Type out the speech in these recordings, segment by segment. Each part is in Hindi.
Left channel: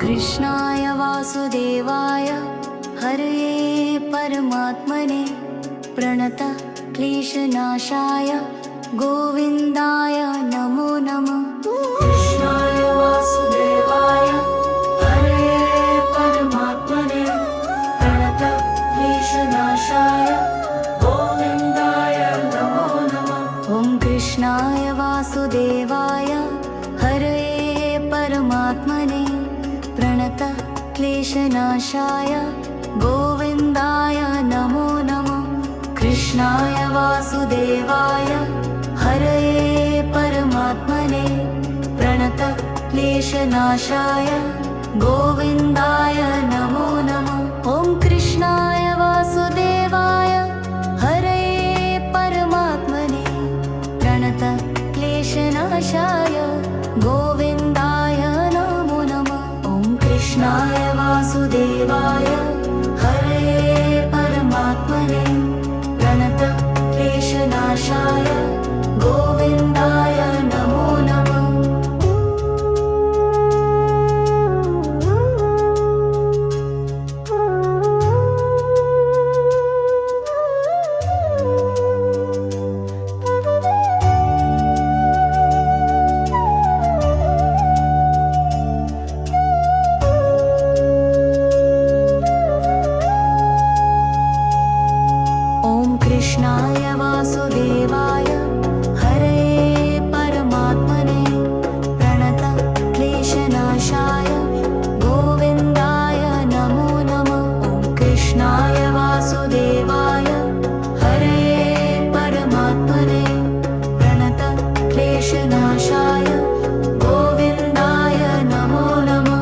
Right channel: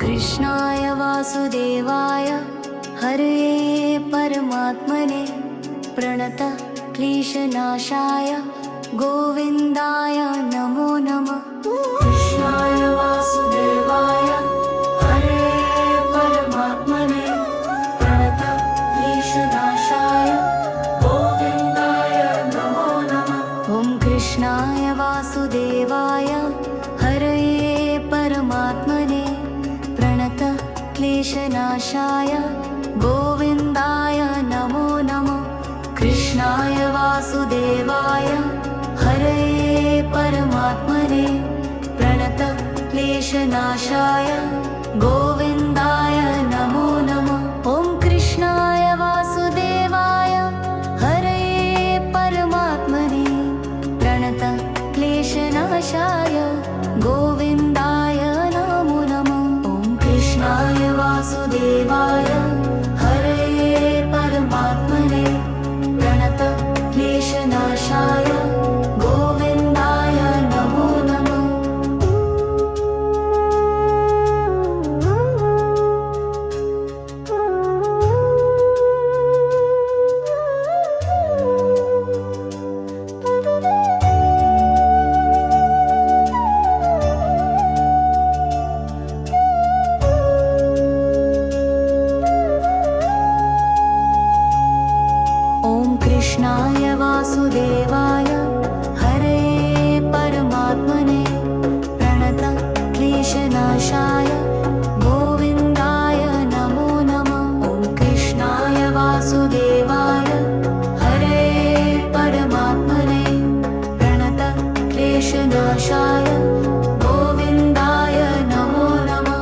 कृष्णाय वासुदेवाय हरये परमात्मने प्रणत क्लेशनाशाय गोविन्दाय नमो नमः। कृष्णाय वासुदेवाय हरये परमात्मने प्रणत क्लेशनाशाय गोविन्दाय नमो नमः। ॐ कृष्णाय वासुदेवाय हरये परमात्मने प्रणत क्लेशनाशाय गोविन्दाय नमो नमः। कृष्णाय वासुदेवाय हरये परमात्मने प्रणत क्लेशनाशाय गोविन्दाय नमो नमः। ॐ कृष्णाय वासुदेवाय हरये परमात्मने प्रणत क्लेशनाशाय गोविन्दाय नमो नमः। ॐ कृष्णाय वासुदेवाय हरये परमात्मने प्रणत क्लेशनाशाय गोविन्दाय नमो नमः। कृष्णाय वासुदेवाय हरये परमात्मने प्रणत क्लेशनाशाय गोविन्दाय नमो नमः। ॐ कृष्णाय वासुदेवाय हरये परमात्मने प्रणत क्लेशनाशाय गोविन्दाय नमो नमः।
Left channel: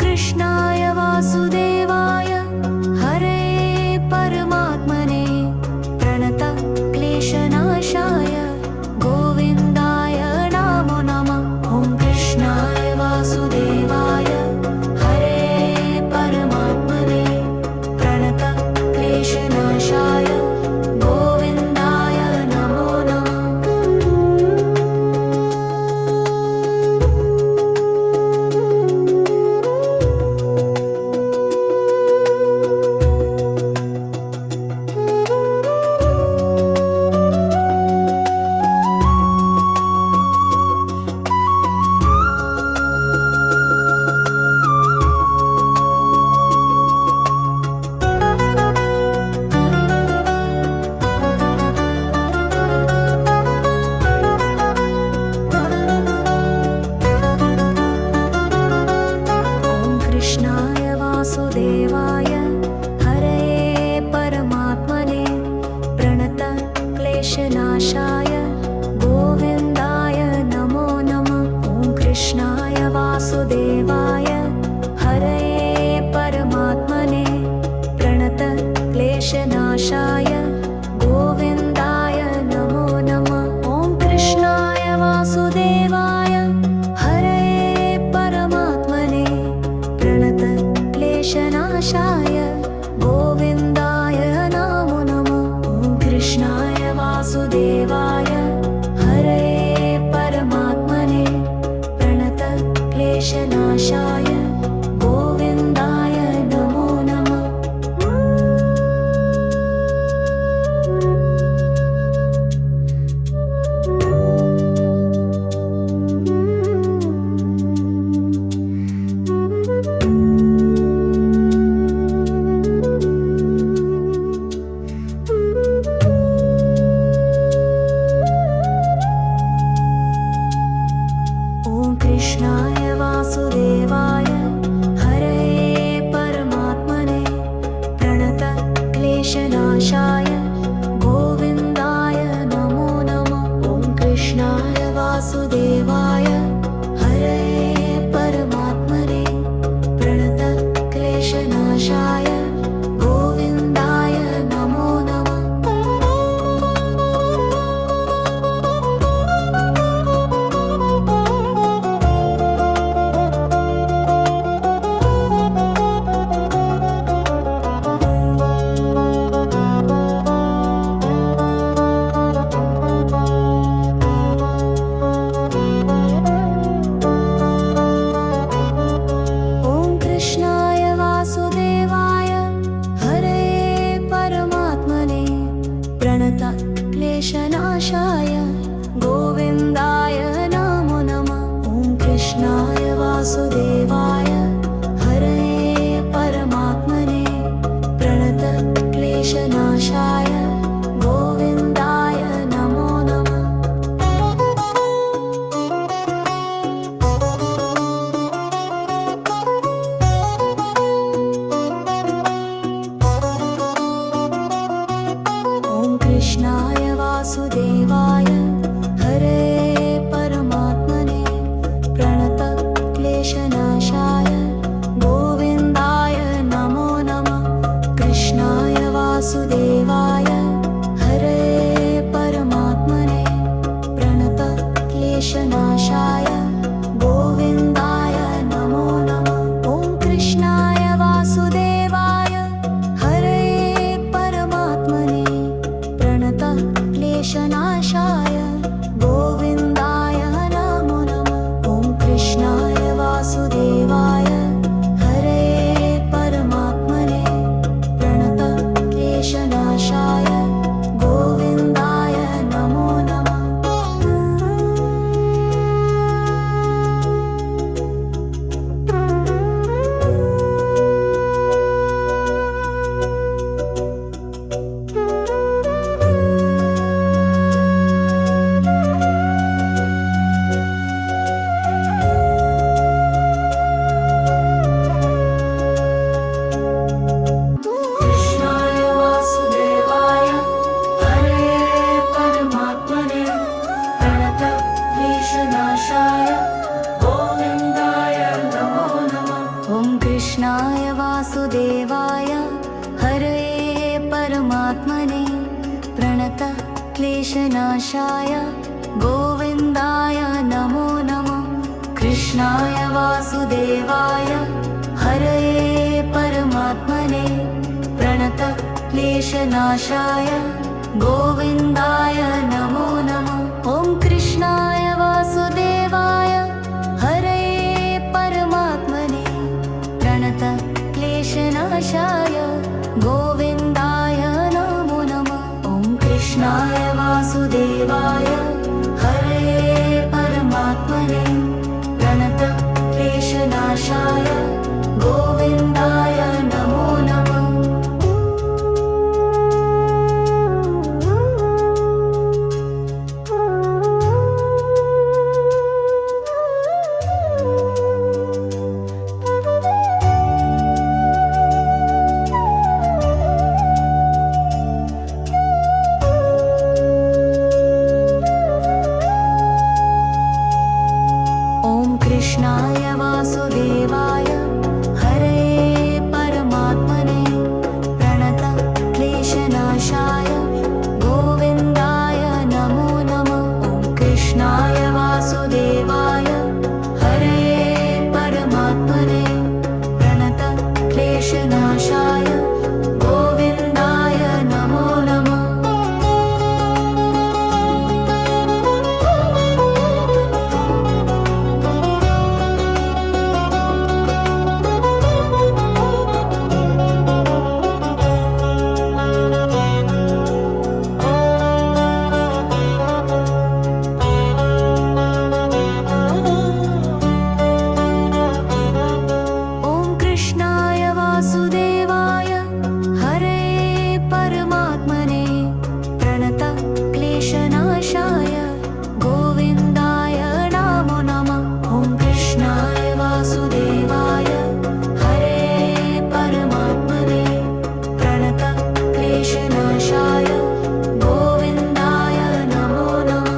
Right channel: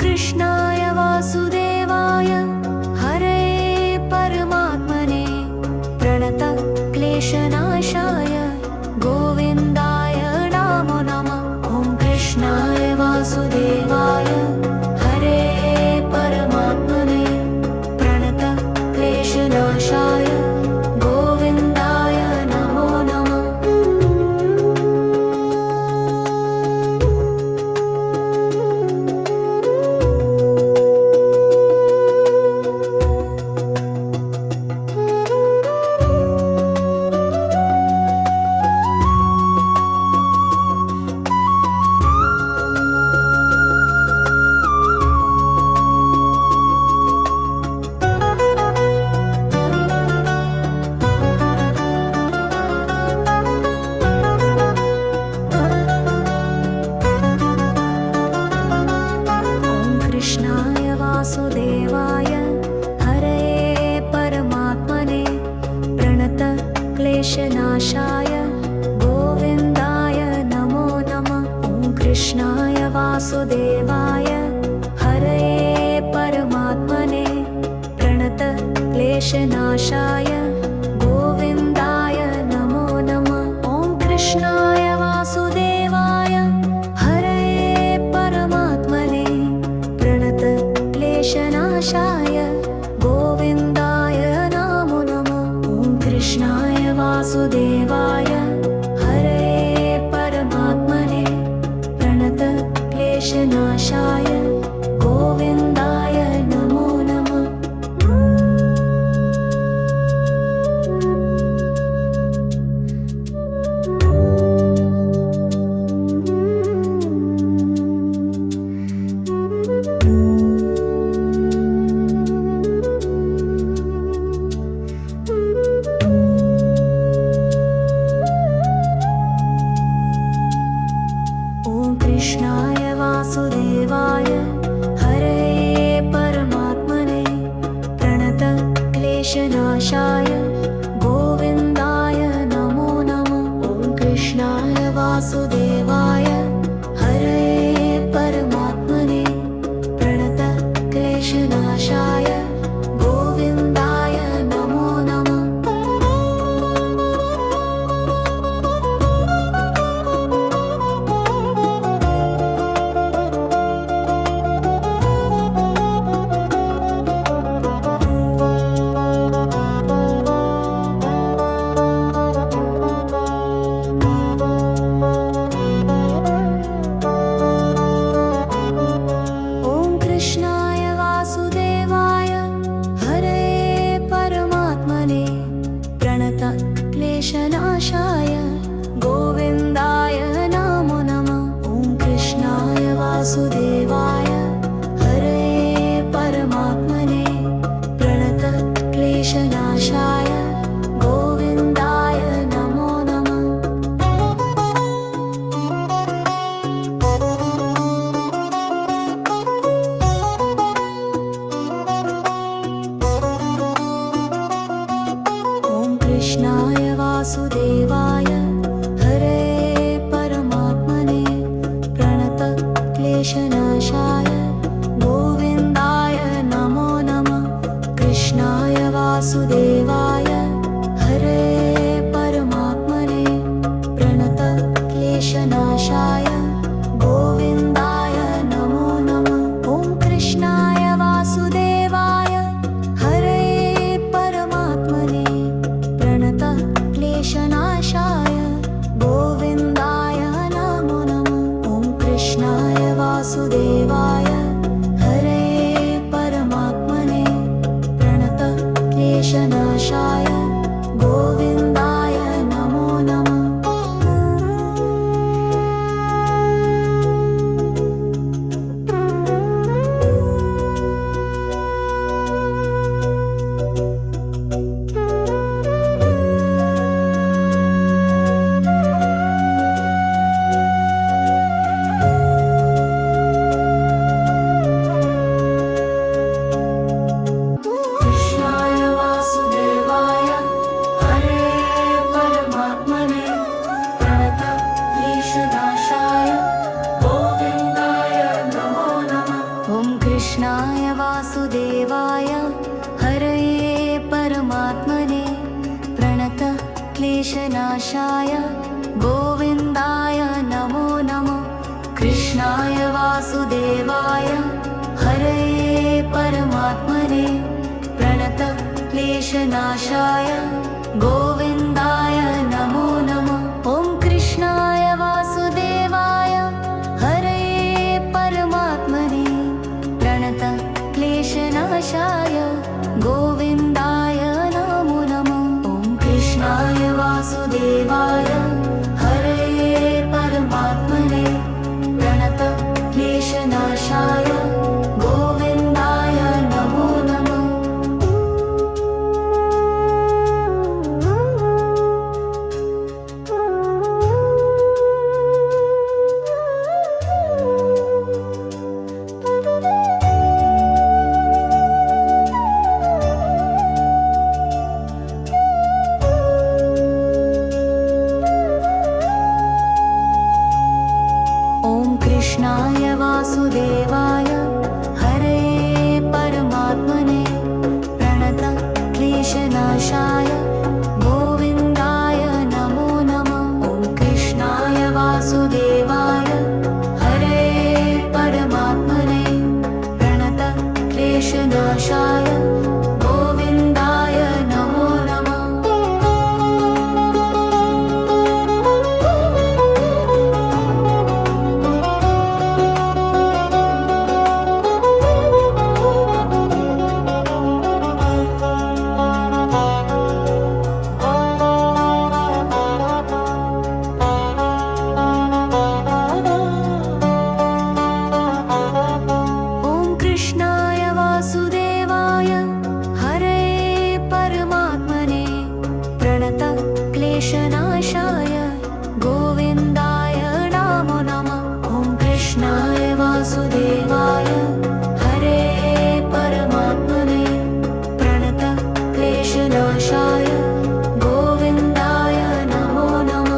कृष्णाय वासुदेवाय हरये परमात्मने प्रणत क्लेशनाशाय गोविन्दाय नमो नमः। ॐ कृष्णाय वासुदेवाय हरये परमात्मने प्रणत क्लेशनाशाय गोविन्दाय नमो नमः। कृष्णाय वासुदेवाय हरये परमात्मने प्रणत क्लेशनाशाय गोविन्दाय नमो नमः। ॐ कृष्णाय वासुदेवाय हरये परमात्मने प्रणत क्लेशनाशाय गोविन्दाय नमो नमः। ॐ कृष्णाय वासुदेवाय हरये परमात्मने प्रणत क्लेशनाशाय गोविन्दाय नमो नमः। ॐ कृष्णाय वासुदेवाय हरये परमात्मने प्रणत क्लेशनाशाय गोविन्दाय नमो नमः। कृष्णाय वासुदेवाय हरये परमात्मने प्रणत क्लेशनाशाय गोविन्दाय नमो नमः। ॐ कृष्णाय वासुदेवाय हरये परमात्मने प्रणत क्लेशनाशाय गोविन्दाय नमो नमः। क्लेशनाशाय गोविन्दाय नमो नमः। ॐ कृष्णाय वासुदेवाय हरये परमात्मने प्रणतक्लेशनाशाय गोविन्दाय नमो नमः। ॐ कृष्णाय वासुदेवाय हरये परमात्मने प्रणतक्लेशनाशाय गोविन्दाय नमो नमः। कृष्णाय वासुदेवाय हरये परमात्मने प्रणतक्लेशनाशाय गोविन्दाय नमो नमः। ॐ कृष्णाय वासुदेवाय हरये परमात्मने प्रणतक्लेशनाशाय गोविन्दाय नमो नमः। ॐ कृष्णाय वासुदेवाय हरये परमात्मने प्रणतक्लेशनाशाय गोविन्दाय नमो नमः। कृष्णाय वासुदेवाय हरये परमात्मने प्रणतक्लेशनाशाय गोविन्दाय नमो नमः। ॐ कृष्णाय वासुदेवाय हरये परमात्मने प्रणतक्लेशनाशाय गोविन्दाय नमो नमः। कृष्णाय वासुदेवाय हरये परमात्मने प्रणतक्लेशनाशाय गोविन्दाय नमो नमः। ॐ कृष्णाय वासुदेवाय हरये परमात्मने प्रणतक्लेशनाशाय गोविन्दाय नमो नमः। ॐ कृष्णाय वासुदेवाय हरये परमात्मने प्रणतक्लेशनाशाय गोविन्दाय नमो नमः। ॐ कृष्णाय वासुदेवाय हरये परमात्मने प्रणतक्लेशनाशाय गोविन्दाय नमो नमः। ॐ कृष्णाय वासुदेवाय हरये परमात्मने प्रणतक्लेशनाशाय गोविन्दाय नमो नमः। कृष्णाय वासुदेवाय हरये परमात्मने प्रणतक्लेशनाशाय गोविन्दाय नमो नमः। ॐ कृष्णाय वासुदेवाय हरये परमात्मने प्रणतक्लेशनाशाय गोविन्दाय नमो नमः।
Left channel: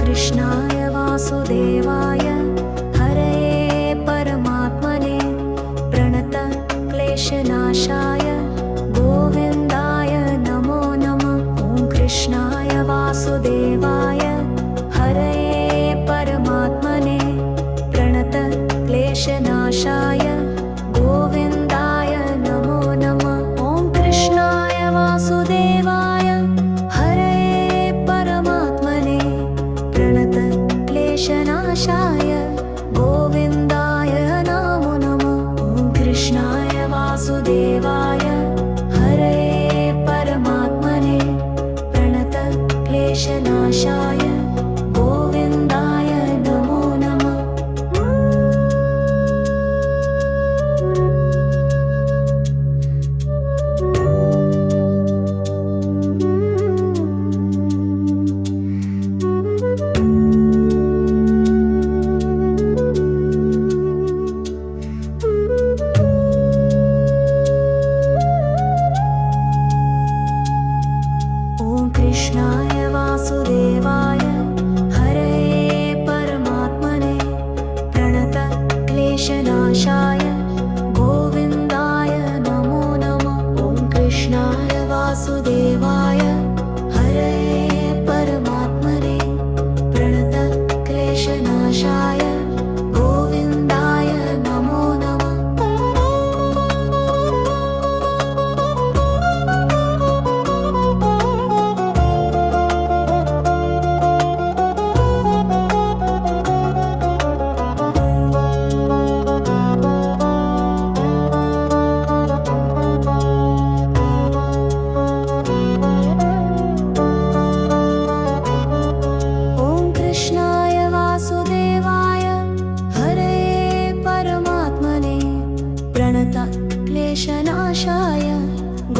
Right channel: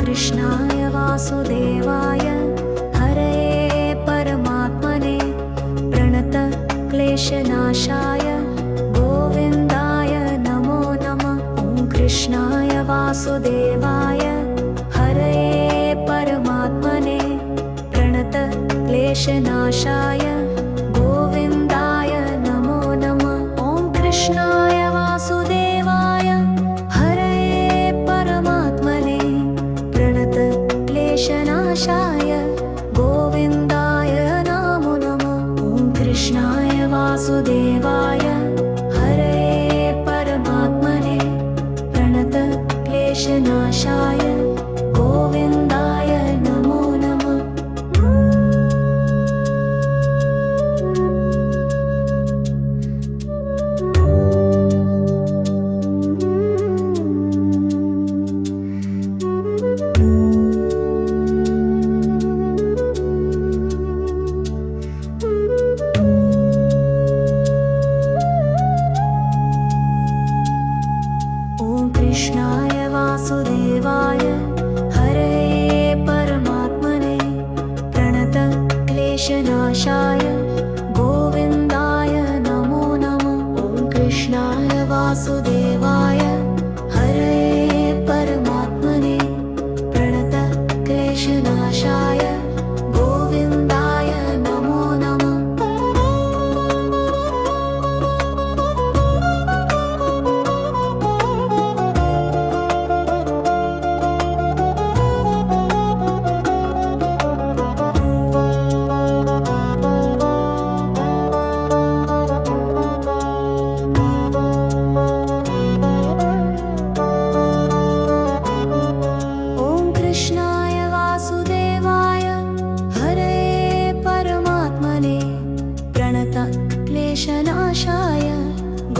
कृष्णाय वासुदेवाय हरये परमात्मने प्रणतक्लेशनाशाय क्लेशनाशाय गोविन्दाय नमो नमः। ॐ कृष्णाय वासुदेवाय हरये परमात्मने प्रणत क्लेशनाशाय गोविन्दाय नमो नमः। ॐ कृष्णाय वासुदेवाय हरये परमात्मने प्रणत क्लेशनाशाय गोविन्दाय नमो नमः। ॐ कृष्णाय वासुदेवाय हरये परमात्मने प्रणत क्लेशनाशाय गोविन्दाय नमो नमः। ॐ कृष्णाय वासुदेवाय हरये परमात्मने प्रणत क्लेशनाशाय गोविन्दाय नमो नमः। ॐ कृष्णाय वासुदेवाय हरये परमात्मने प्रणत क्लेशनाशाय गोविन्दाय नमो नमः। ॐ कृष्णाय वासुदेवाय हरये परमात्मने प्रणत क्लेशनाशाय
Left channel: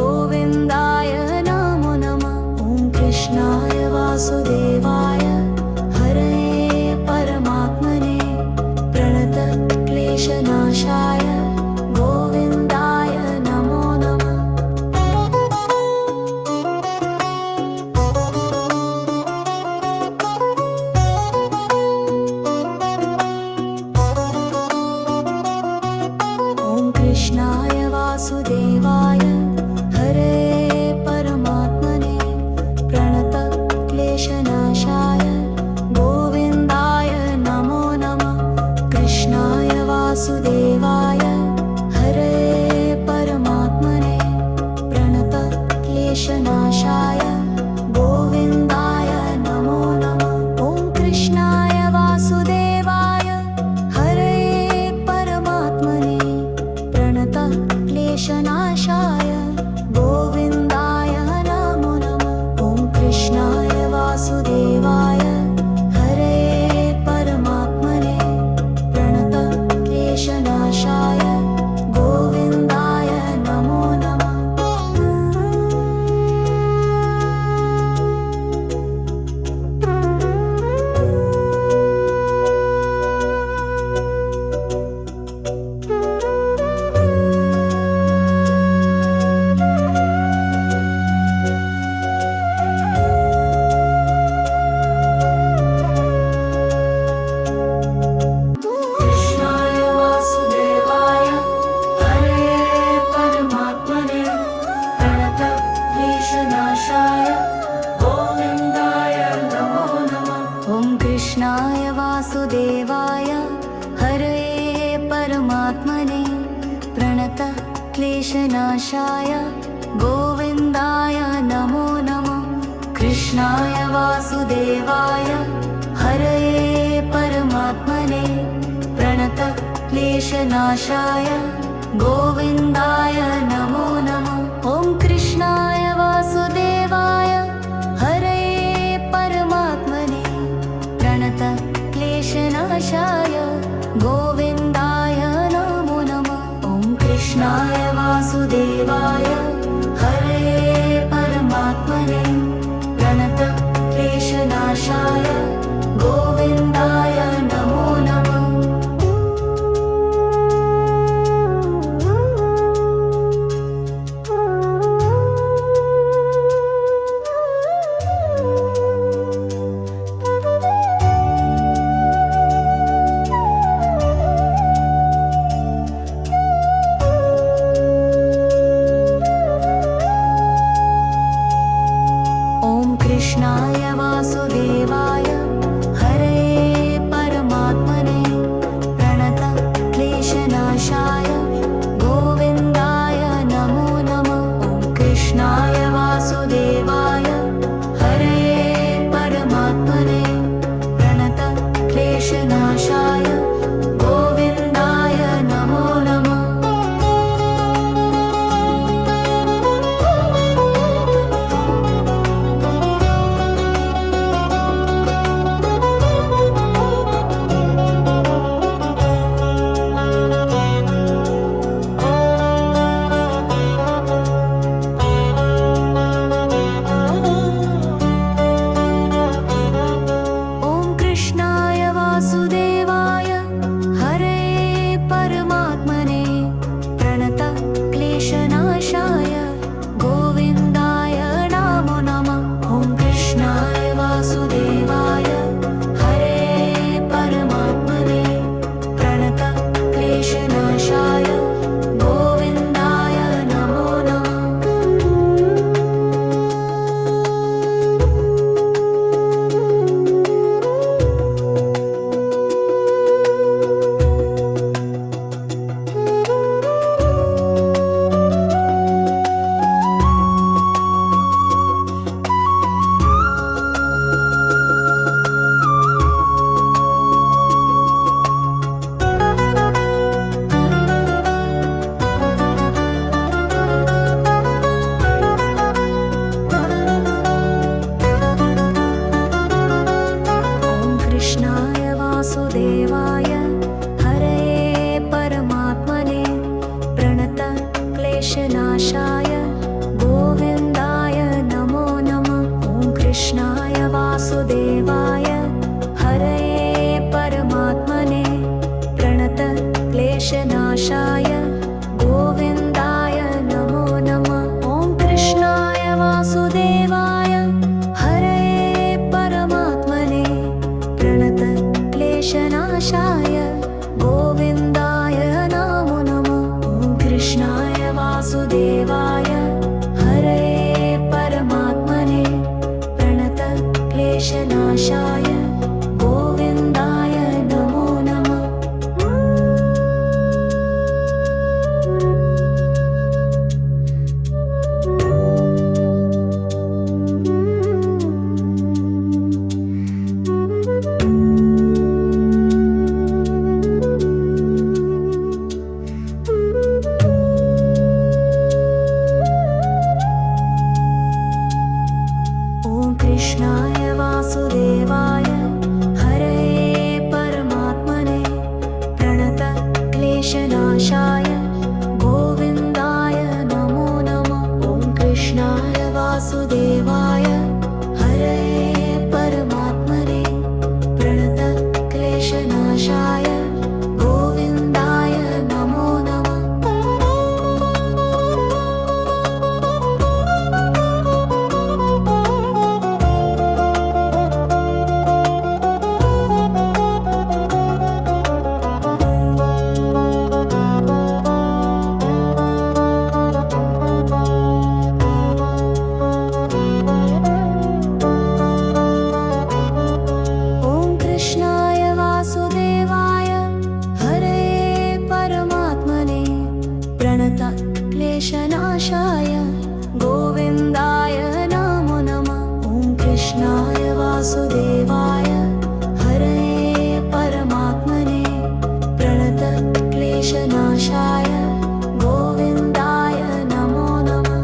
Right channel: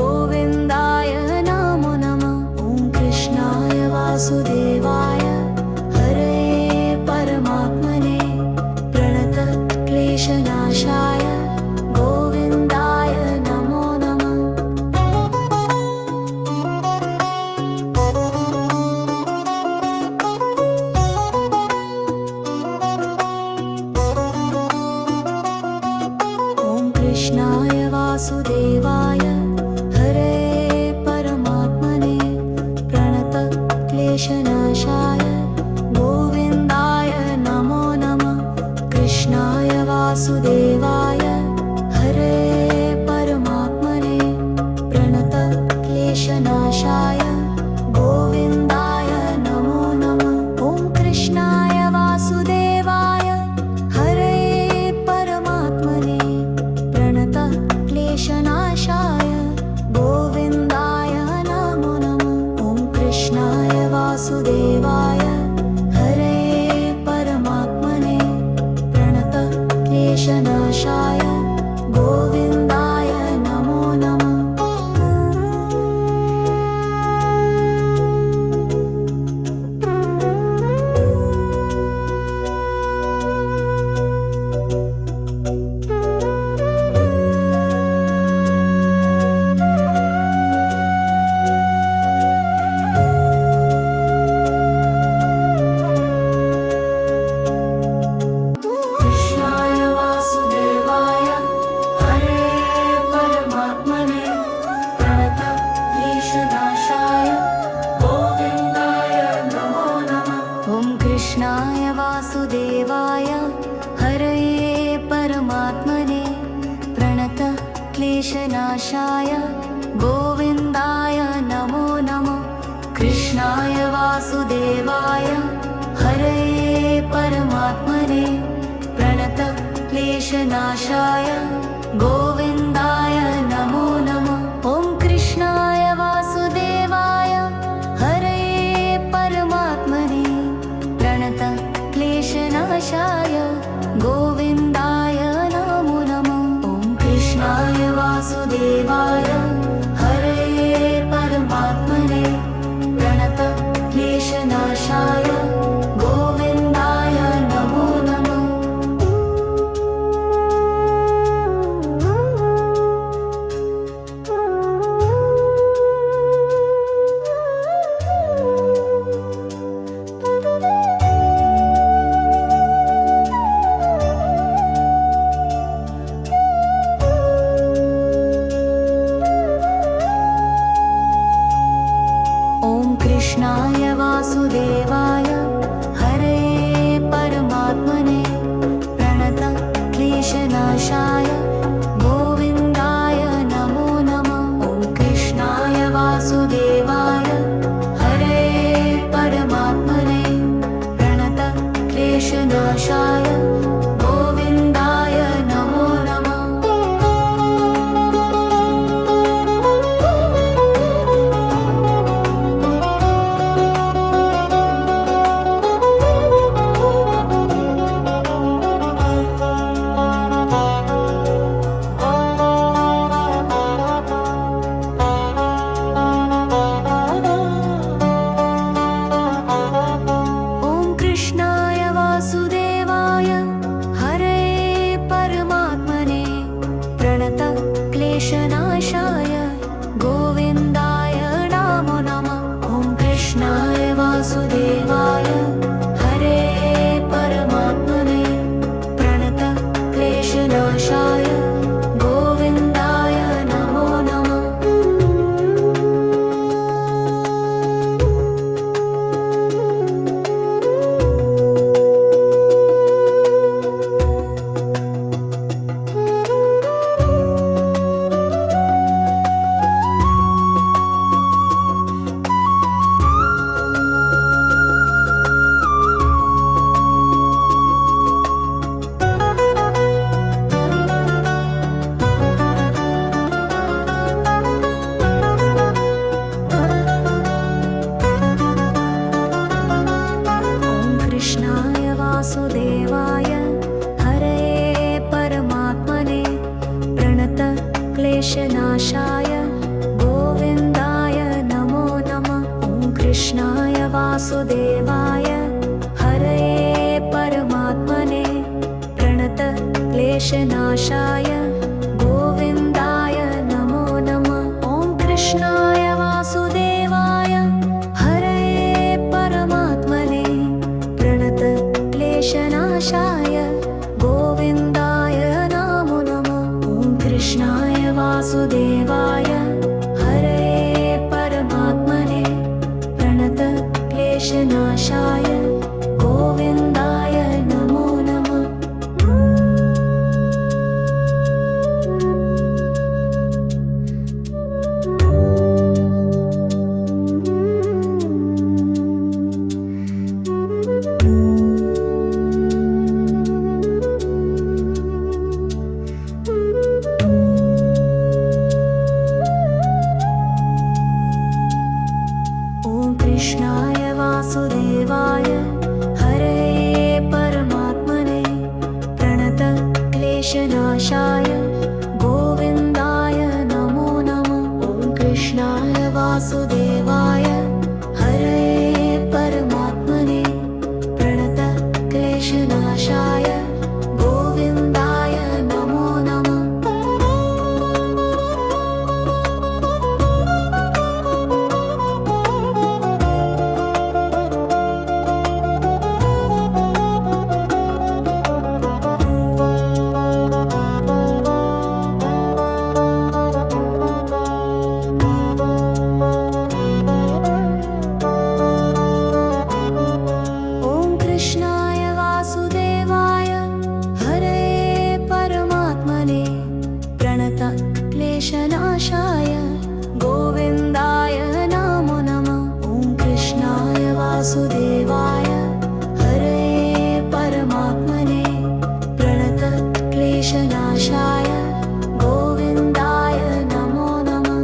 गोविन्दाय नमो नमः। ॐ कृष्णाय वासुदेवाय हरये परमात्मने प्रणत क्लेशनाशाय गोविन्दाय नमो नमः। ॐ कृष्णाय वासुदेवाय हरये परमात्मने प्रणत क्लेशनाशाय गोविन्दाय नमो नमः। कृष्णाय वासुदेवाय हरये परमात्मने प्रणत क्लेशनाशाय गोविन्दाय नमो नमः। ॐ कृष्णाय वासुदेवाय हरये परमात्मने प्रणत क्लेशनाशाय गोविन्दाय नमो नमः। ॐ कृष्णाय वासुदेवाय हरये परमात्मने प्रणत क्लेशनाशाय गोविन्दाय नमो नमः। कृष्णाय वासुदेवाय हरये परमात्मने प्रणत क्लेशनाशाय गोविन्दाय नमो नमः। ॐ कृष्णाय वासुदेवाय हरये परमात्मने प्रणत क्लेशनाशाय गोविन्दाय नमो नमः। कृष्णाय वासुदेवाय हरये परमात्मने प्रणत क्लेशनाशाय गोविन्दाय नमो नमः। ॐ कृष्णाय वासुदेवाय हरये परमात्मने प्रणत क्लेशनाशाय गोविन्दाय नमो नमः। ॐ कृष्णाय वासुदेवाय हरये परमात्मने प्रणत क्लेशनाशाय गोविन्दाय नमो नमः। क्लेशनाशाय गोविन्दाय नमो नमः। कृष्णाय वासुदेवाय हरे परमात्मने प्रणत क्लेशनाशाय गोविन्दाय नमो नमः। ॐ कृष्णाय वासुदेवाय हरे परमात्मने प्रणत क्लेशनाशाय गोविन्दाय नमो नमः। कृष्णाय वासुदेवाय हरे परमात्मने प्रणत क्लेशनाशाय गोविन्दाय नमो नमः। ॐ कृष्णाय वासुदेवाय हरे परमात्मने प्रणत क्लेशनाशाय गोविन्दाय नमो नमः। ॐ कृष्णाय वासुदेवाय हरे परमात्मने प्रणत क्लेशनाशाय गोविन्दाय नमो नमः। ॐ कृष्णाय वासुदेवाय हरे परमात्मने प्रणत क्लेशनाशाय गोविन्दाय नमो नमः। ॐ कृष्णाय वासुदेवाय हरे परमात्मने प्रणत क्लेशनाशाय गोविन्दाय नमो नमः। ॐ कृष्णाय वासुदेवाय हरे परमात्मने प्रणत क्लेशनाशाय गोविन्दाय नमो नमः। कृष्णाय वासुदेवाय हरे परमात्मने प्रणत क्लेशनाशाय गोविन्दाय नमो नमः। ॐ कृष्णाय वासुदेवाय हरे परमात्मने प्रणत क्लेशनाशाय गोविन्दाय नमो नमः।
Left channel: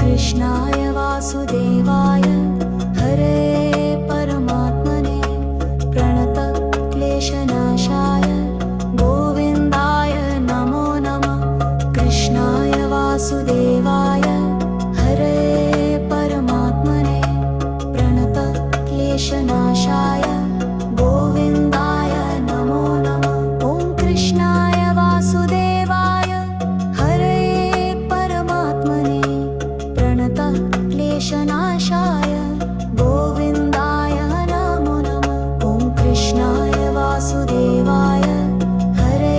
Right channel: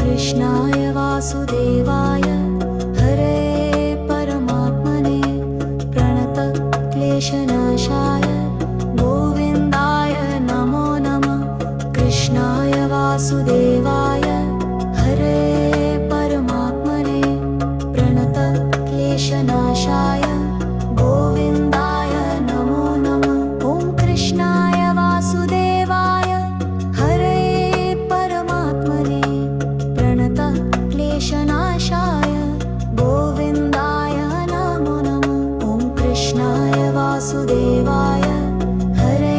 कृष्णाय वासुदेवाय हरे परमात्मने प्रणत क्लेशनाशाय गोविन्दाय नमो नमः। कृष्णाय वासुदेवाय हरे परमात्मने प्रणत क्लेशनाशाय गोविन्दाय नमो नमः। ॐ कृष्णाय वासुदेवाय हरे परमात्मने प्रणत क्लेशनाशाय गोविन्दाय नमो नमः। ॐ कृष्णाय वासुदेवाय हरे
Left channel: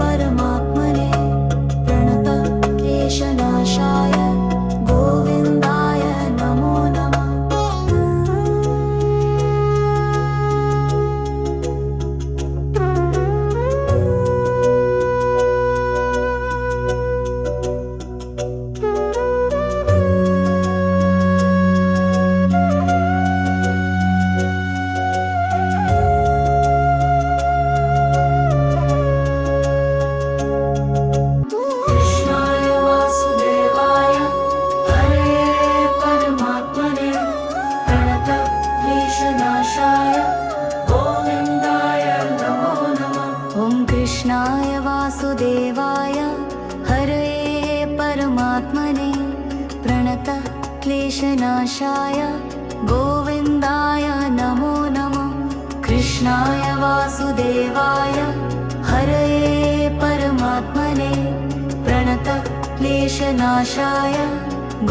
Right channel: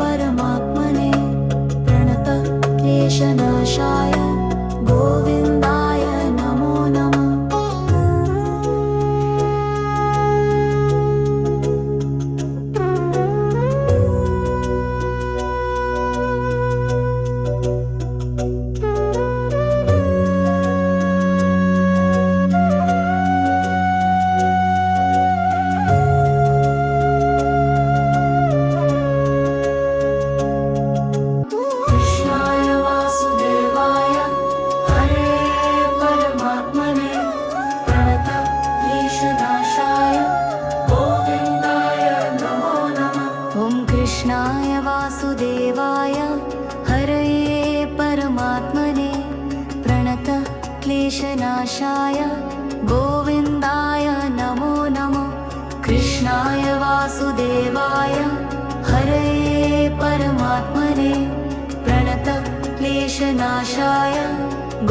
परमात्मने प्रणत क्लेशनाशाय वासुदेवाय हरये परमात्मने प्रणत क्लेशनाशाय गोविन्दाय नमो नमः। कृष्णाय वासुदेवाय हरये परमात्मने प्रणत क्लेशनाशाय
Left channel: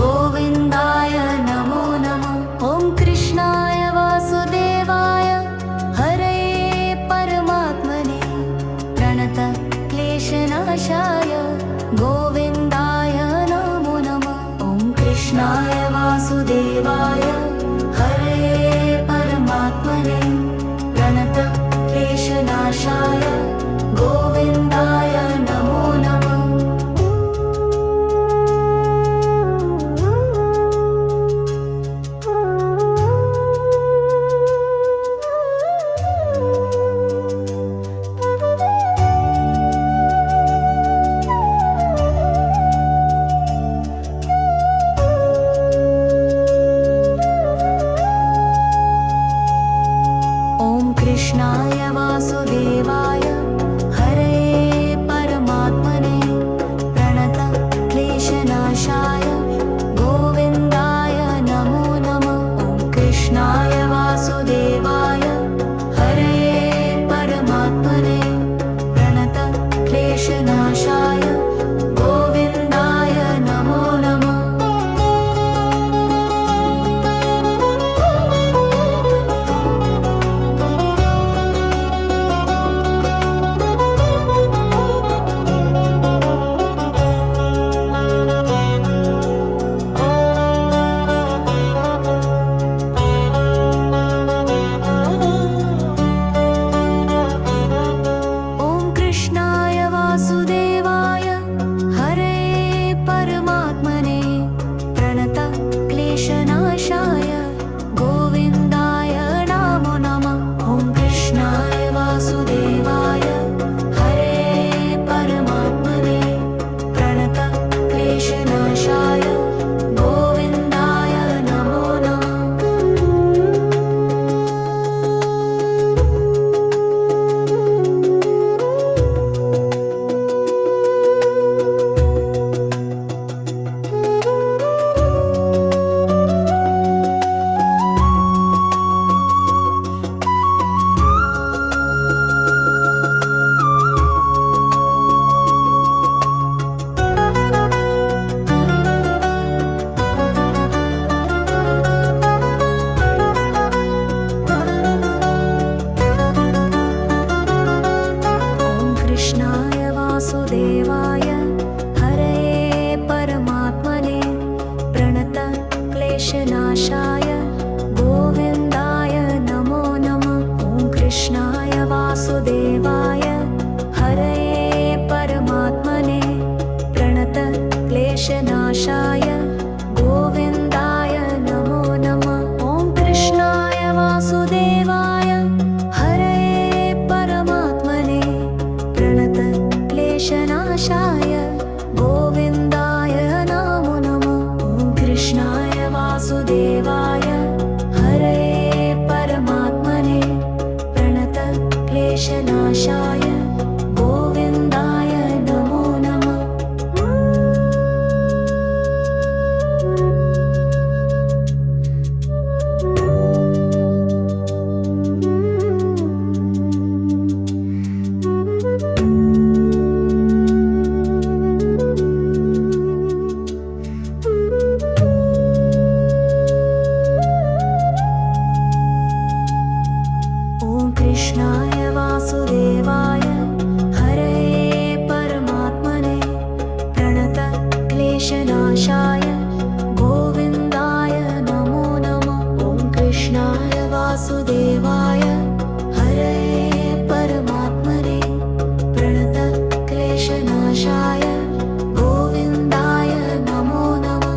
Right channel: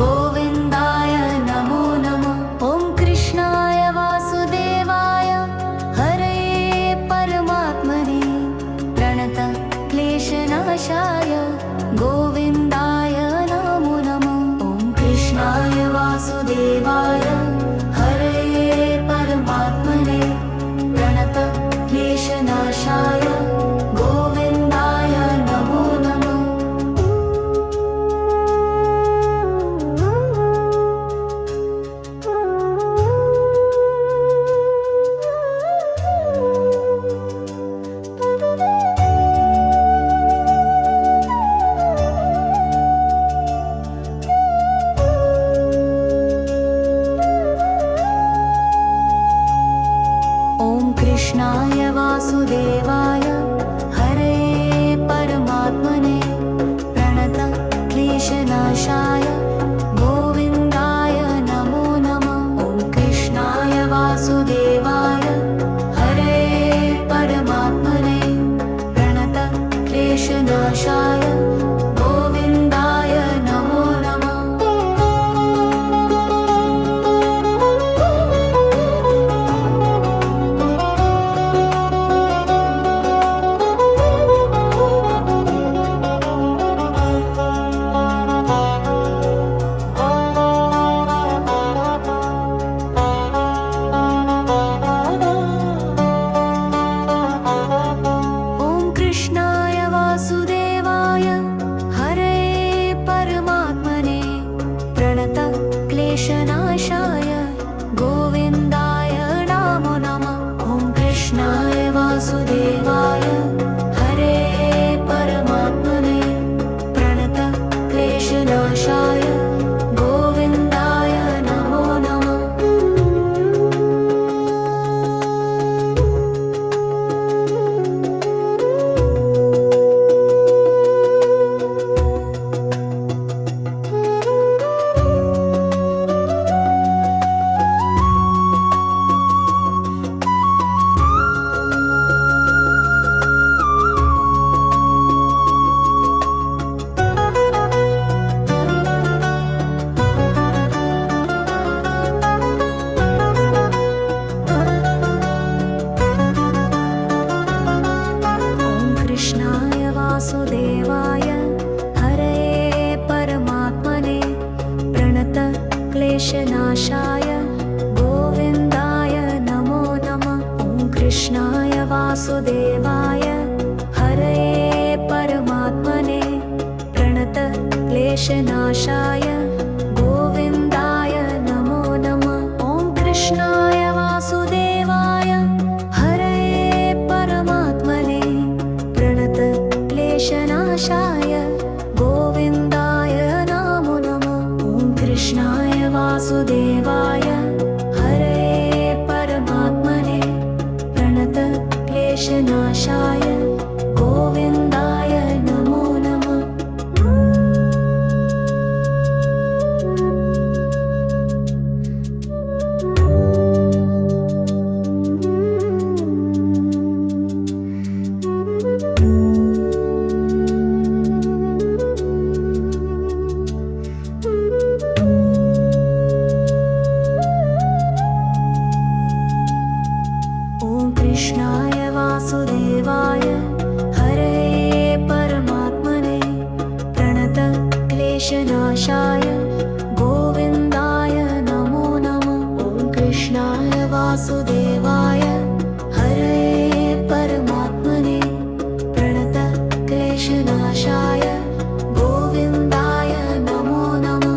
गोविन्दाय नमो नमः। ॐ कृष्णाय वासुदेवाय हरये परमात्मने प्रणत क्लेशनाशाय गोविन्दाय नमो नमः। ॐ कृष्णाय वासुदेवाय हरये परमात्मने प्रणत क्लेशनाशाय गोविन्दाय नमो नमः। कृष्णाय वासुदेवाय हरये परमात्मने प्रणत क्लेशनाशाय गोविन्दाय नमो नमः। ॐ कृष्णाय वासुदेवाय हरये परमात्मने प्रणत क्लेशनाशाय गोविन्दाय नमो नमः। कृष्णाय वासुदेवाय हरये परमात्मने प्रणत क्लेशनाशाय गोविन्दाय नमो नमः। ॐ कृष्णाय वासुदेवाय हरये परमात्मने प्रणत क्लेशनाशाय गोविन्दाय नमो नमः। कृष्णाय वासुदेवाय हरये परमात्मने प्रणत क्लेशनाशाय गोविन्दाय नमो नमः। ॐ कृष्णाय वासुदेवाय हरये परमात्मने प्रणत क्लेशनाशाय गोविन्दाय नमो नमः। ॐ कृष्णाय वासुदेवाय हरये परमात्मने प्रणत क्लेशनाशाय गोविन्दाय नमो नमः। ॐ कृष्णाय वासुदेवाय हरये परमात्मने प्रणत क्लेशनाशाय गोविन्दाय नमो नमः। ॐ कृष्णाय वासुदेवाय हरये परमात्मने प्रणत क्लेशनाशाय गोविन्दाय नमो नमः। ॐ कृष्णाय वासुदेवाय हरये परमात्मने प्रणत क्लेशनाशाय गोविन्दाय नमो नमः।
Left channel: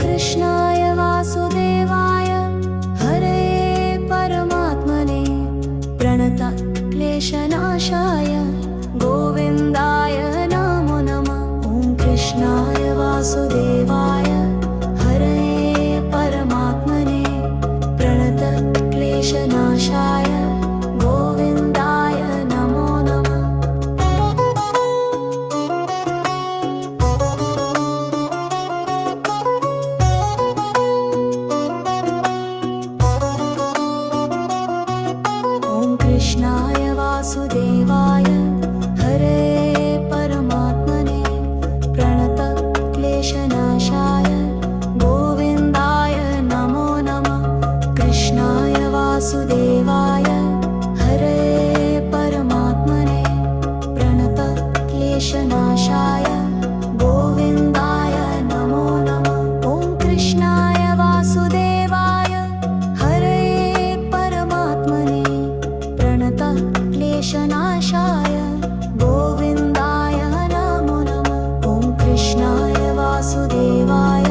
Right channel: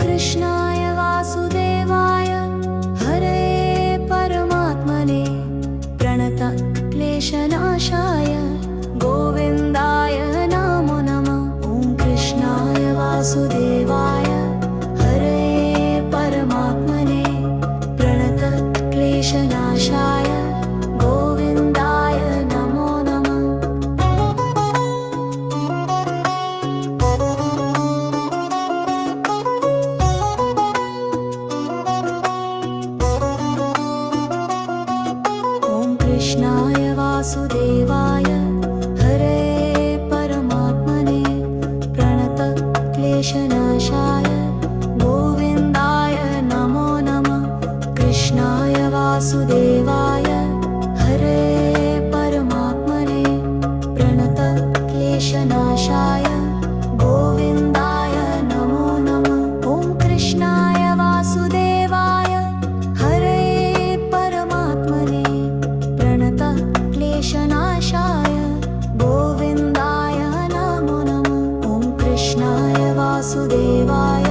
कृष्णाय प्रणतक्लेशनाशाय गोविन्दाय नमो नमः। ॐ कृष्णाय वासुदेवाय हरे परमात्मने प्रणतक्लेशनाशाय गोविन्दाय नमो नमः। कृष्णाय वासुदेवाय हरे परमात्मने प्रणतक्लेशनाशाय गोविन्दाय नमो नमः। कृष्णाय वासुदेवाय हरे परमात्मने प्रणतक्लेशनाशाय गोविन्दाय नमो नमः। ॐ कृष्णाय वासुदेवाय हरे परमात्मने प्रणतक्लेशनाशाय गोविन्दाय नमो नमः। ॐ कृष्णाय वासुदेवाय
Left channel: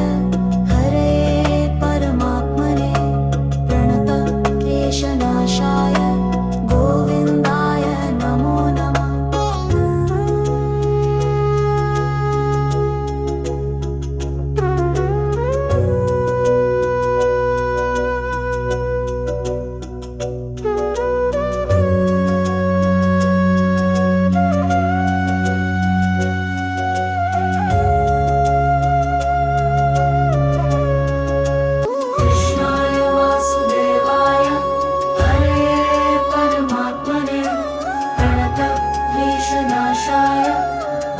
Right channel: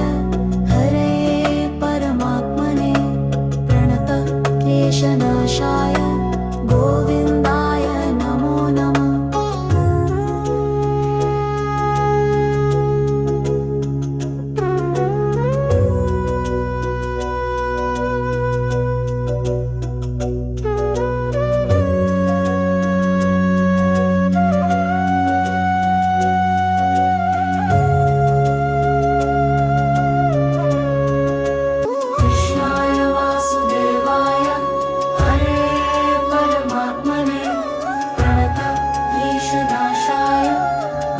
हरे परमात्मने प्रणतक्लेशनाशाय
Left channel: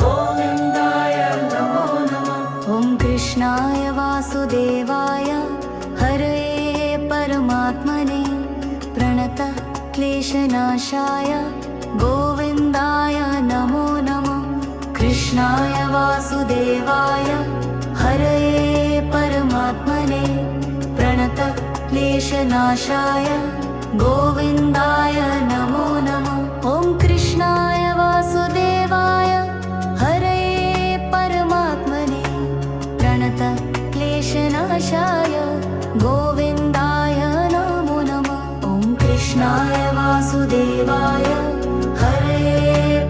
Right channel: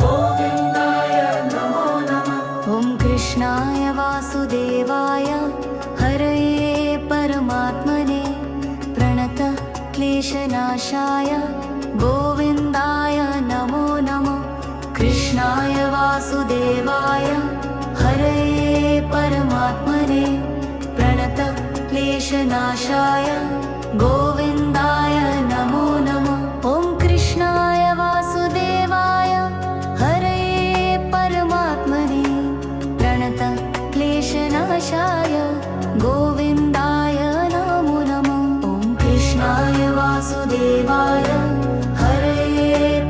गोविन्दाय नमो नमः। कृष्णाय वासुदेवाय हरे परमात्मने प्रणतक्लेशनाशाय गोविन्दाय नमो नमः। कृष्णाय वासुदेवाय हरे परमात्मने प्रणतक्लेशनाशाय गोविन्दाय नमो नमः। ॐ कृष्णाय वासुदेवाय हरे परमात्मने प्रणतक्लेशनाशाय गोविन्दाय नमो नमः। ॐ कृष्णाय वासुदेवाय हरे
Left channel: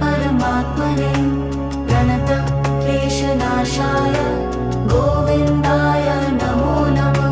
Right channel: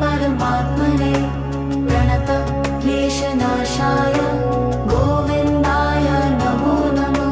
परमात्मने प्रणतक्लेशनाशाय गोविन्दाय नमो नमः।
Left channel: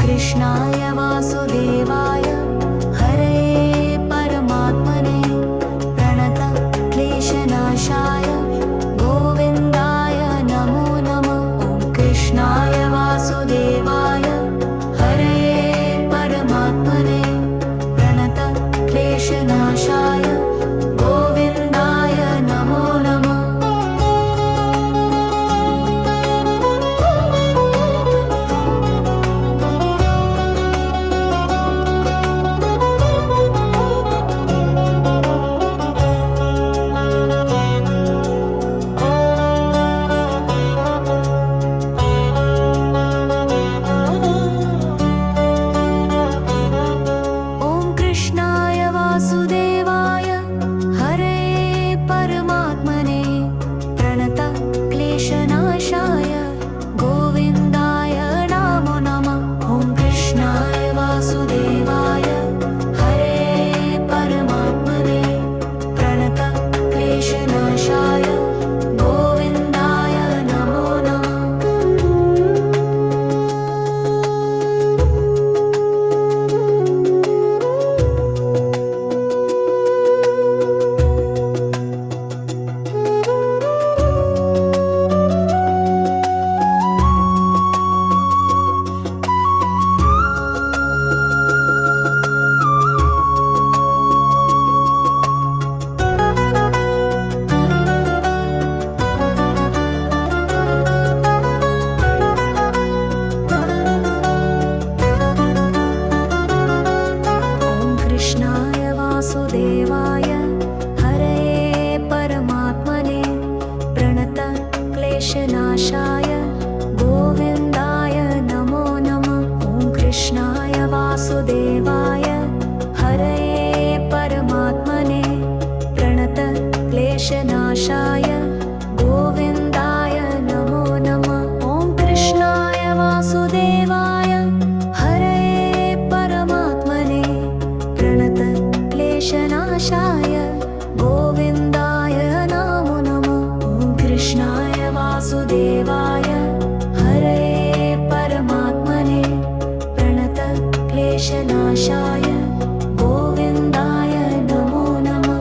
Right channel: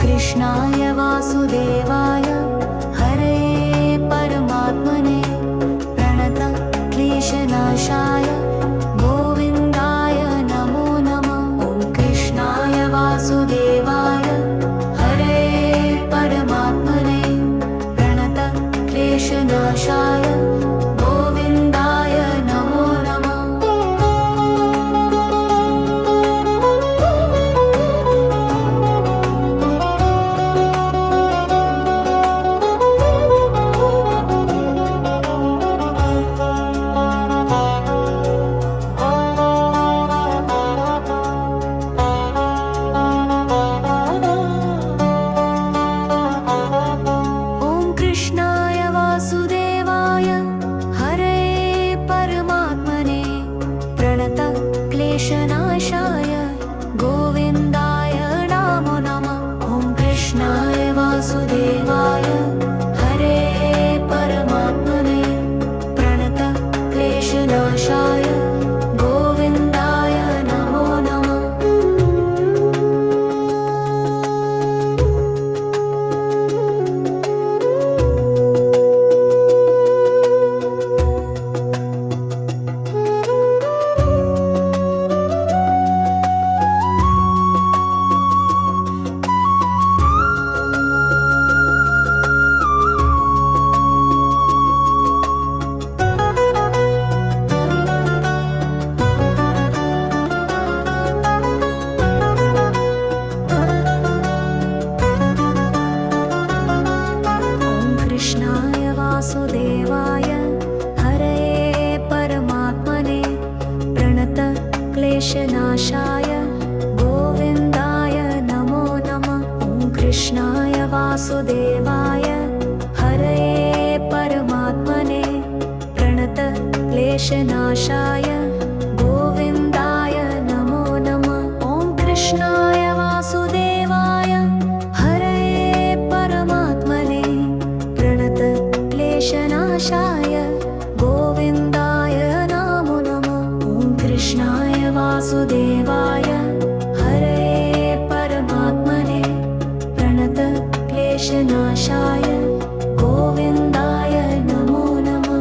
कृष्णाय वासुदेवाय हरे परमात्मने प्रणतक्लेशनाशाय गोविन्दाय नमो नमः। ॐ कृष्णाय वासुदेवाय हरे परमात्मने प्रणतक्लेशनाशाय गोविन्दाय नमो नमः। क्लेशनाशाय गोविन्दाय नमो नमः। ॐ कृष्णाय वासुदेवाय हरये परमात्मने प्रणत क्लेशनाशाय गोविन्दाय नमो नमः। ॐ कृष्णाय वासुदेवाय हरये परमात्मने प्रणत क्लेशनाशाय गोविन्दाय नमो नमः। ॐ कृष्णाय वासुदेवाय हरये परमात्मने प्रणत क्लेशनाशाय गोविन्दाय नमो नमः।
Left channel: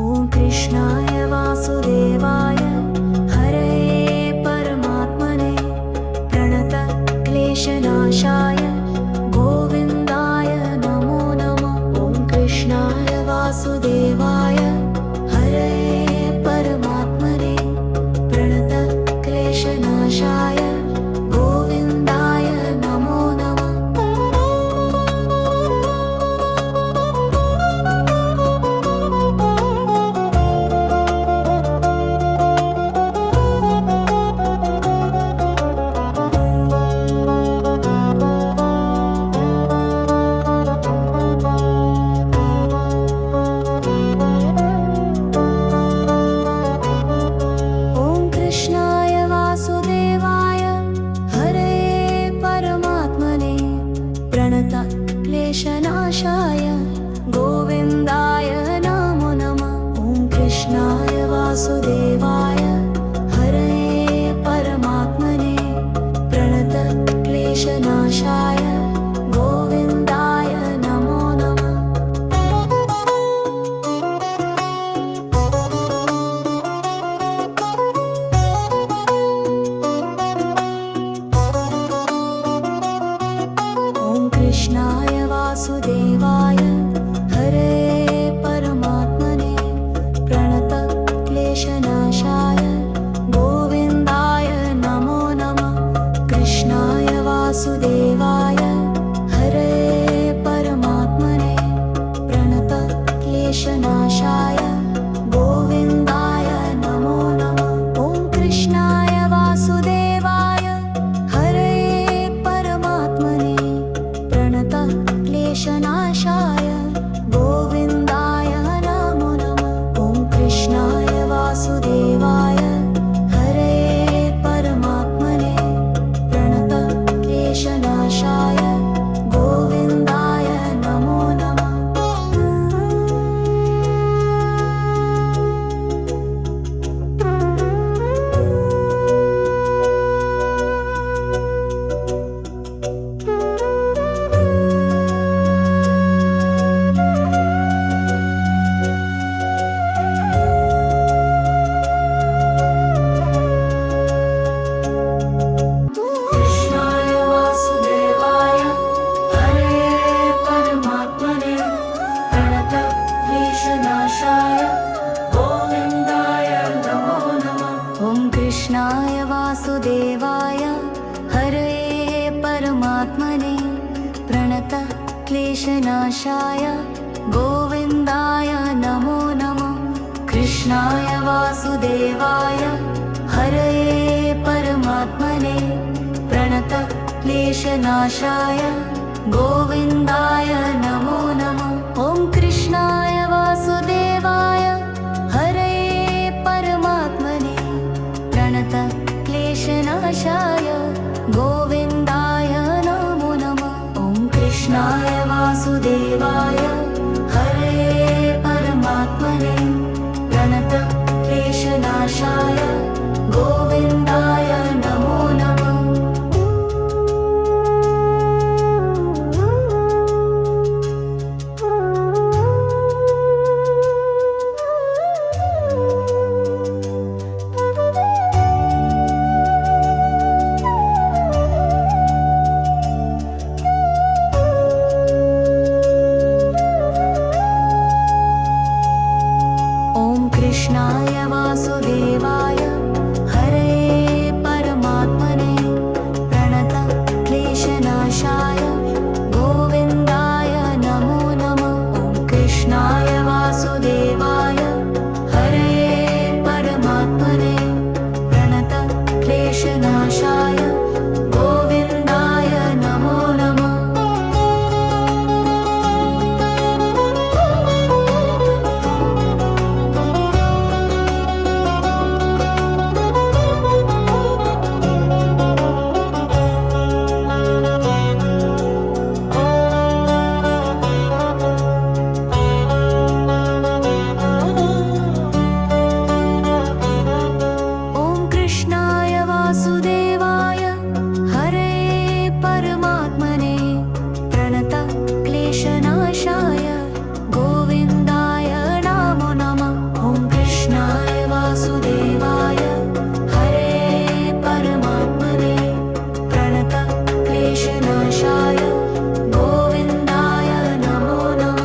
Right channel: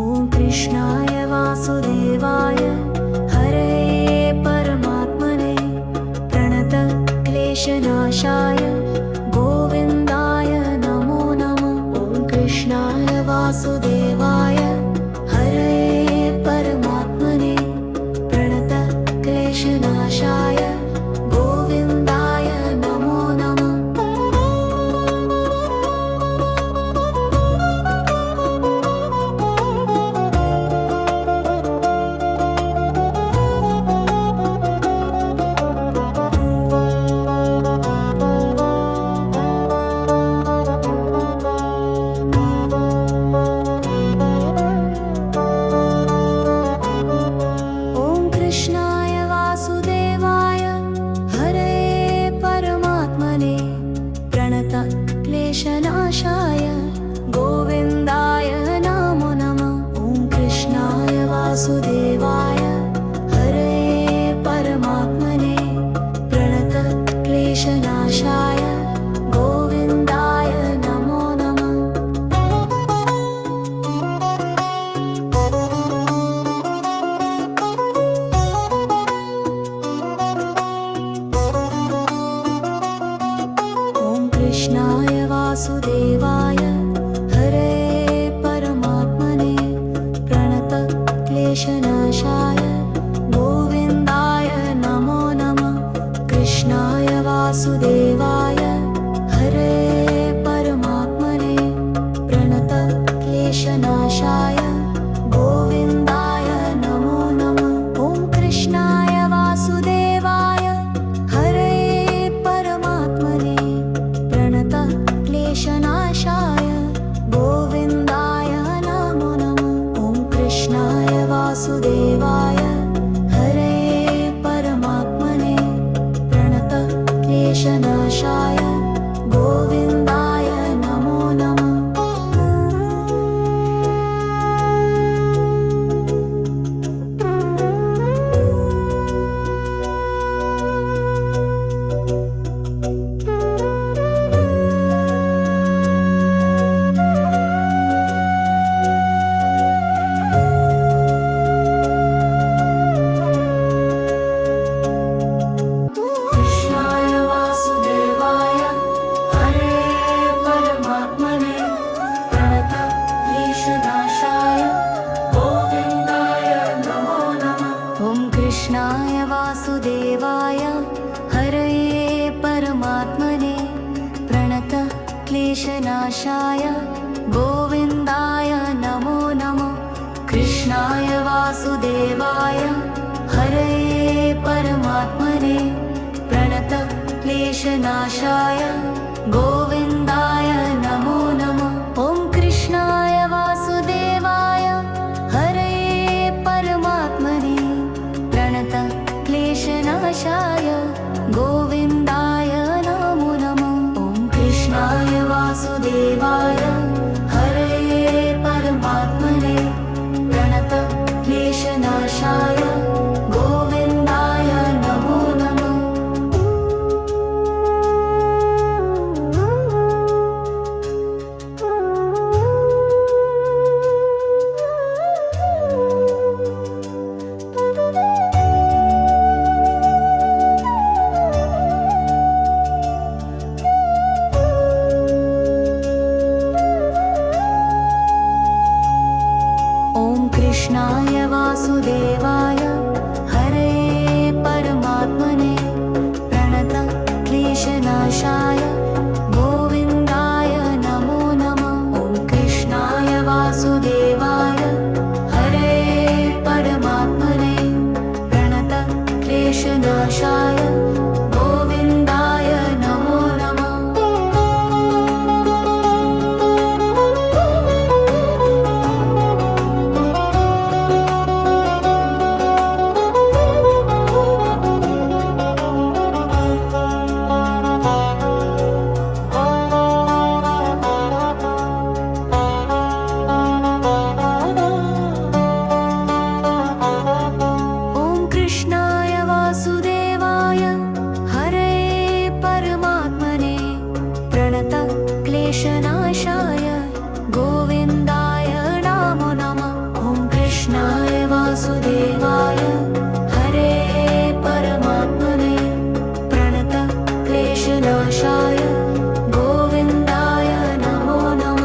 ॐ कृष्णाय वासुदेवाय हरये परमात्मने प्रणत क्लेशनाशाय गोविन्दाय नमो नमः। ॐ कृष्णाय वासुदेवाय हरये परमात्मने प्रणत क्लेशनाशाय गोविन्दाय नमो नमः। कृष्णाय वासुदेवाय हरये परमात्मने प्रणत क्लेशनाशाय गोविन्दाय नमो नमः। ॐ कृष्णाय वासुदेवाय हरये परमात्मने प्रणत क्लेशनाशाय गोविन्दाय नमो नमः। कृष्णाय वासुदेवाय हरये परमात्मने प्रणत क्लेशनाशाय गोविन्दाय नमो नमः। कृष्णाय वासुदेवाय हरये परमात्मने प्रणत क्लेशनाशाय गोविन्दाय नमो नमः। ॐ कृष्णाय वासुदेवाय हरये परमात्मने प्रणत क्लेशनाशाय गोविन्दाय नमो नमः। ॐ कृष्णाय वासुदेवाय हरये परमात्मने प्रणत क्लेशनाशाय गोविन्दाय नमो नमः। कृष्णाय वासुदेवाय हरये परमात्मने प्रणत क्लेशनाशाय गोविन्दाय नमो नमः। कृष्णाय वासुदेवाय हरये परमात्मने प्रणत क्लेशनाशाय गोविन्दाय नमो नमः। ॐ कृष्णाय वासुदेवाय हरये परमात्मने प्रणत क्लेशनाशाय गोविन्दाय नमो नमः। ॐ कृष्णाय वासुदेवाय हरये परमात्मने प्रणत क्लेशनाशाय गोविन्दाय नमो नमः। क्लेशनाशाय गोविन्दाय नमो नमः। ॐ कृष्णाय वासुदेवाय हरे परमात्मने प्रणतक्लेशनाशाय गोविन्दाय नमो नमः। कृष्णाय वासुदेवाय हरे परमात्मने प्रणतक्लेशनाशाय गोविन्दाय नमो नमः। ॐ कृष्णाय वासुदेवाय हरे परमात्मने प्रणतक्लेशनाशाय गोविन्दाय नमो नमः।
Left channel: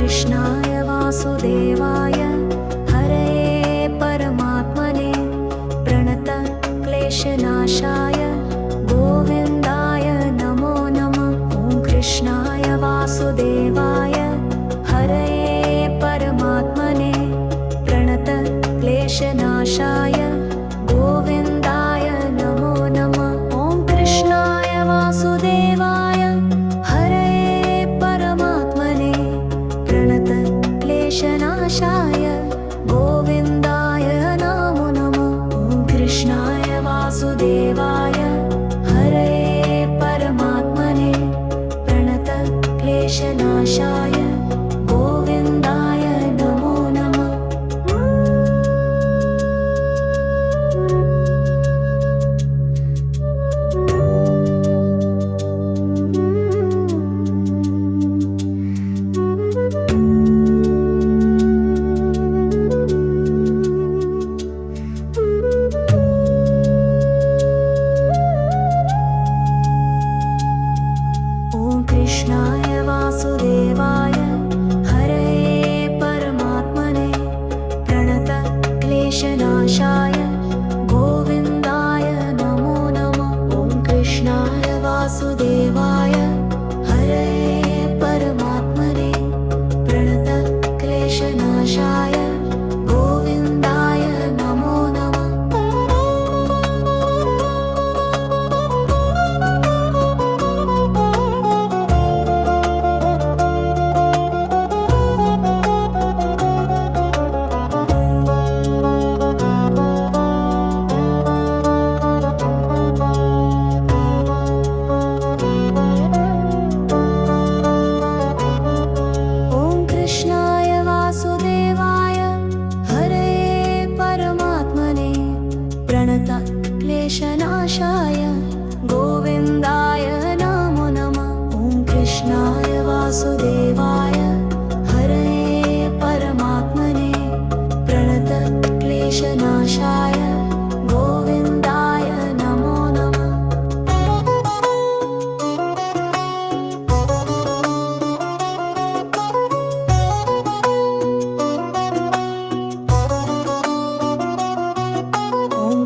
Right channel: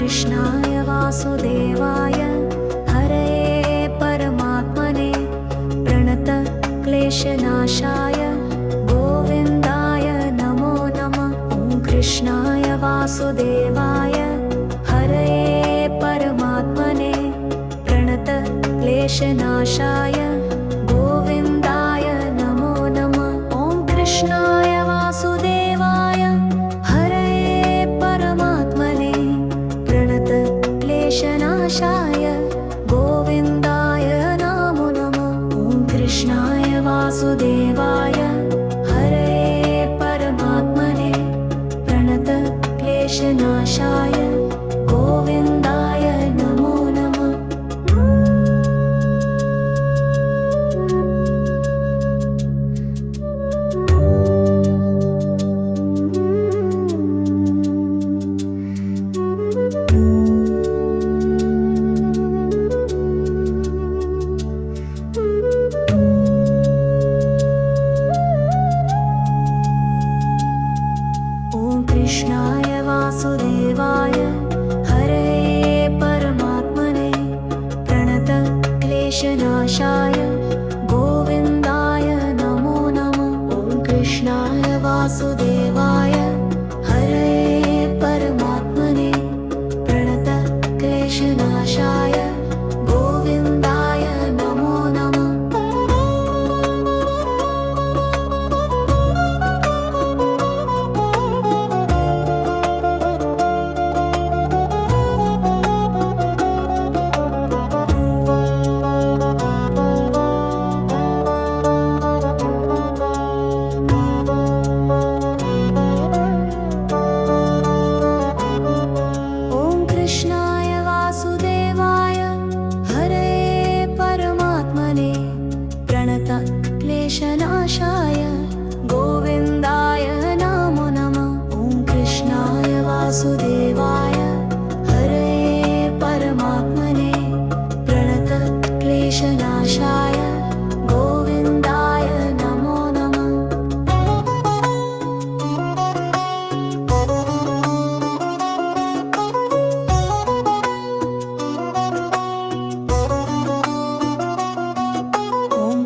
कृष्णाय वासुदेवाय हरे परमात्मने प्रणतक्लेशनाशाय गोविन्दाय नमो नमः। ॐ कृष्णाय वासुदेवाय हरे परमात्मने प्रणतक्लेशनाशाय गोविन्दाय नमो नमः। ॐ कृष्णाय वासुदेवाय हरे परमात्मने प्रणतक्लेशनाशाय गोविन्दाय नमो नमः। ॐ कृष्णाय वासुदेवाय हरे परमात्मने प्रणतक्लेशनाशाय गोविन्दाय नमो नमः। कृष्णाय वासुदेवाय हरे परमात्मने प्रणतक्लेशनाशाय गोविन्दाय नमो नमः। ॐ कृष्णाय वासुदेवाय हरे परमात्मने प्रणतक्लेशनाशाय गोविन्दाय नमो नमः। कृष्णाय वासुदेवाय हरे परमात्मने प्रणतक्लेशनाशाय गोविन्दाय नमो नमः। ॐ कृष्णाय वासुदेवाय हरे परमात्मने प्रणतक्लेशनाशाय गोविन्दाय नमो नमः।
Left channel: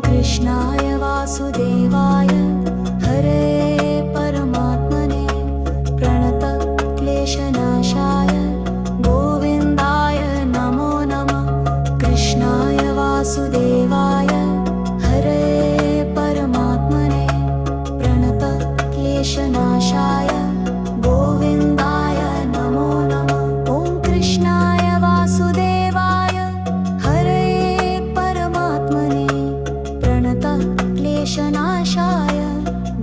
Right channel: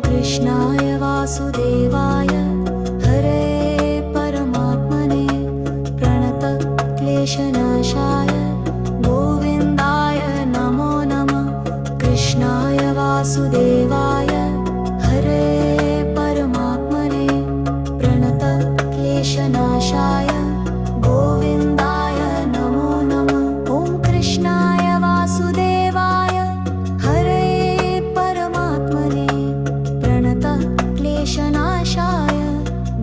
कृष्णाय वासुदेवाय हरे परमात्मने प्रणतक्लेशनाशाय गोविन्दाय नमो नमः। कृष्णाय वासुदेवाय हरे परमात्मने प्रणतक्लेशनाशाय गोविन्दाय नमो नमः। ॐ कृष्णाय वासुदेवाय हरे परमात्मने प्रणतक्लेशनाशाय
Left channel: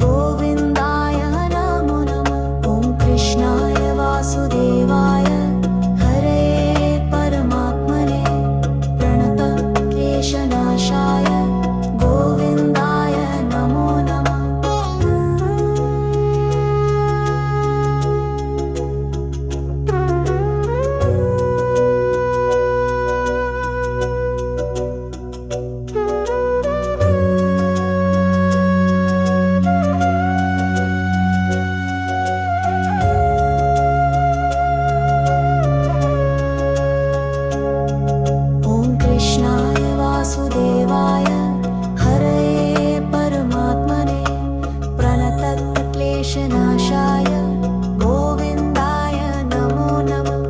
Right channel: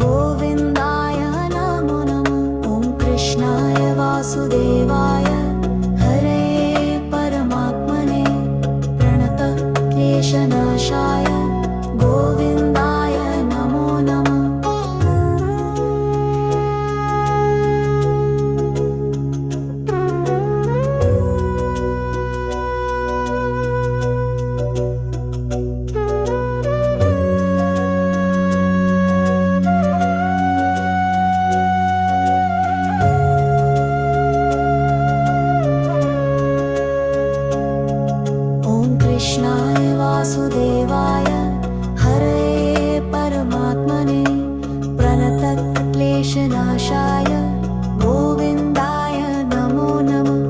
गोविन्दाय नमो नमः। ॐ कृष्णाय वासुदेवाय हरे परमात्मने प्रणतक्लेशनाशाय विषनाशाय गोविन्दाय नमो नमः। ॐ कृष्णाय वासुदेवाय